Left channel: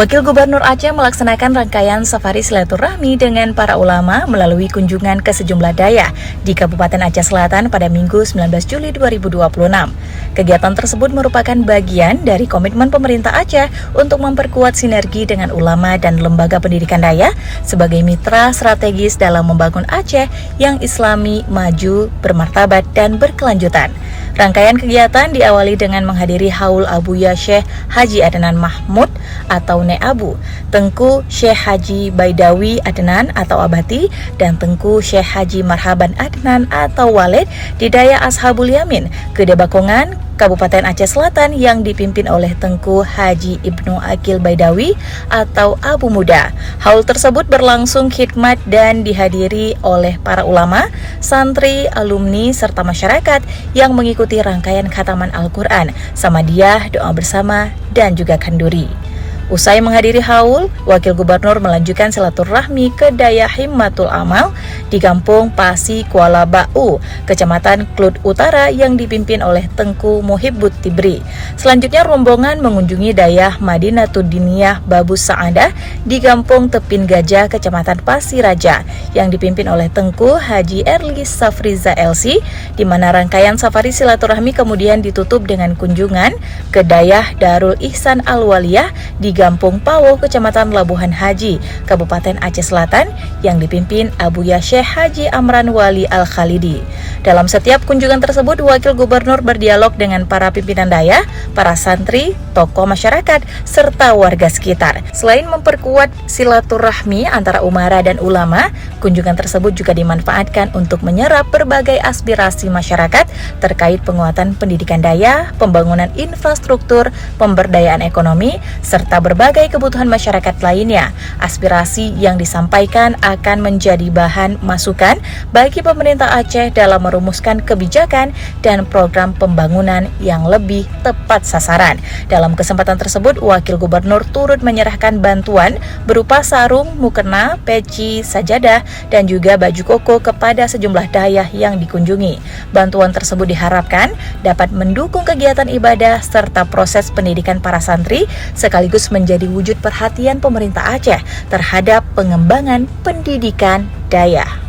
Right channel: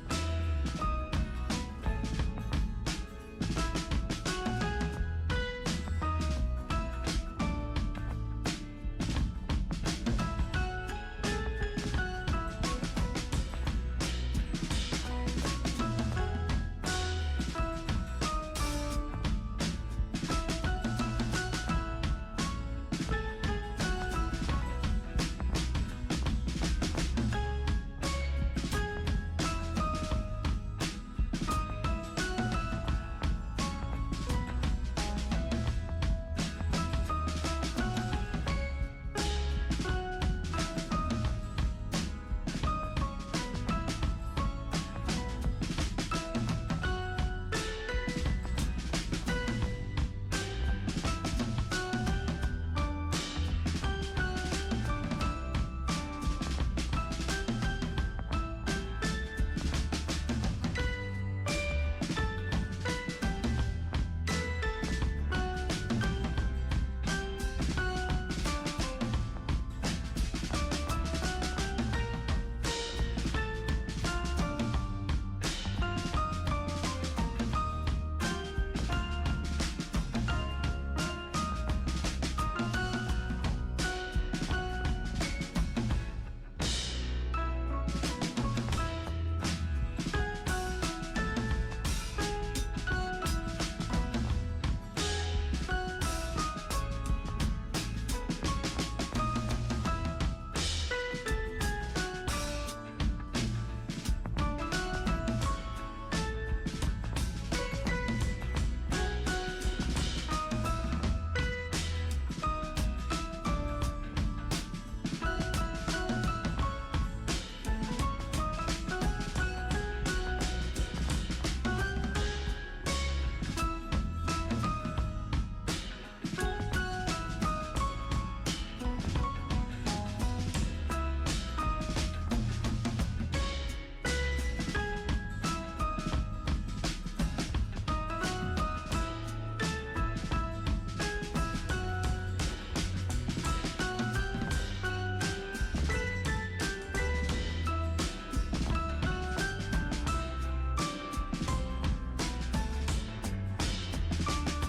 Wakil Gubernur Aceh melaksanakan rangkaian safari silaturahmi dengan para ulama melalui kunjungan ke sejumlah daerah di Kabupaten Aceh Selatan pada Minggu 19 Juli 2026. Kegiatan tersebut merupakan bagian dari komitmen pemerintah Aceh untuk memperkuat sinergi dengan ulama dan lembaga pendidikan daerah sebagai mitra strategis dalam membangun Aceh yang islami, maju, bermartabat, dan berkelanjutan. Rangkaian kegiatan diawali dengan menghadiri Haul Abuya Syekh Haji Adnan Mahmud atau Ne'abu, Tengku Syekh Haji Baidawi Adnan atau Abati, dan Tengku Syekh Haji Marhaban Adnan atau Walid di Daya Ashabul Yamin, Gedebakongan, Kabupaten Aceh Selatan yang dipimpin oleh Tengku Haji Ibnu Akil Baidawi atau Abu Muda. Haul tersebut berlangsung khidmat dan dihadiri oleh para ulama, santri, alumni, serta masyarakat yang mengikuti rangkaian khataman Al-Quran, Samadiyah, doa bersama, dan juga kanduri. Usai menghadiri haul, Wakil Gubernur melanjutkan silaturahmi ke Daya Himmatul Amal di Kampung Pasi Kuala Bau, Kecamatan Klut Utara yang dipimpin oleh Tengku Muhibbut Tibri. Selanjutnya rombongan mengunjungi Daya Madinatud Diniyah Babus Sa'adah di Kampung Tepin Gajah, Kecamatan Pasir Raja yang dipimpin oleh Tengku Haji Erli Safriza LC, di mana rangkaian safari silaturahmi kemudian ditutup dengan kunjungan ke Daya Darul Ihsan Al-Waliyah di Gampung Pawo, Kecamatan Labuhan Haji, Kabupaten Aceh Selatan yang dipimpin Abuya Syekh Haji Amran Wali Al-Khalidi. Dalam setiap kunjungan tersebut, Wakil Gubernur berdialog dengan para pimpinan daya, para santri, tokoh masyarakat, serta warga sekitar. Selain memperkuat silaturahmi antara umara dan ulama, kunjungan tersebut juga dimanfaatkan untuk menyerap berbagai aspirasi masyarakat terkait penguatan pendidikan daya, pembangunan infrastruktur, pemberdayaan ekonomi, serta berbagai kebutuhan masyarakat lainnya. Aspirasi yang disampaikan akan menjadi bahan masukan bagi pemerintah Aceh dalam merumuskan kebijakan dan program pembangunan yang lebih tepat sasaran. Dalam kesempatan tersebut, Wakil Gubernur turut menyerahkan bantuan berupa sarung, mukena, peci, sajadah, dan juga baju koko kepada sejumlah dayah yang dikunjungi. Bantuan tersebut diharapkan dapat mendukung kegiatan ibadah serta proses pendidikan para santri, sekaligus menjadi wujud perhatian pemerintah Aceh terhadap pengembangan pendidikan dayah.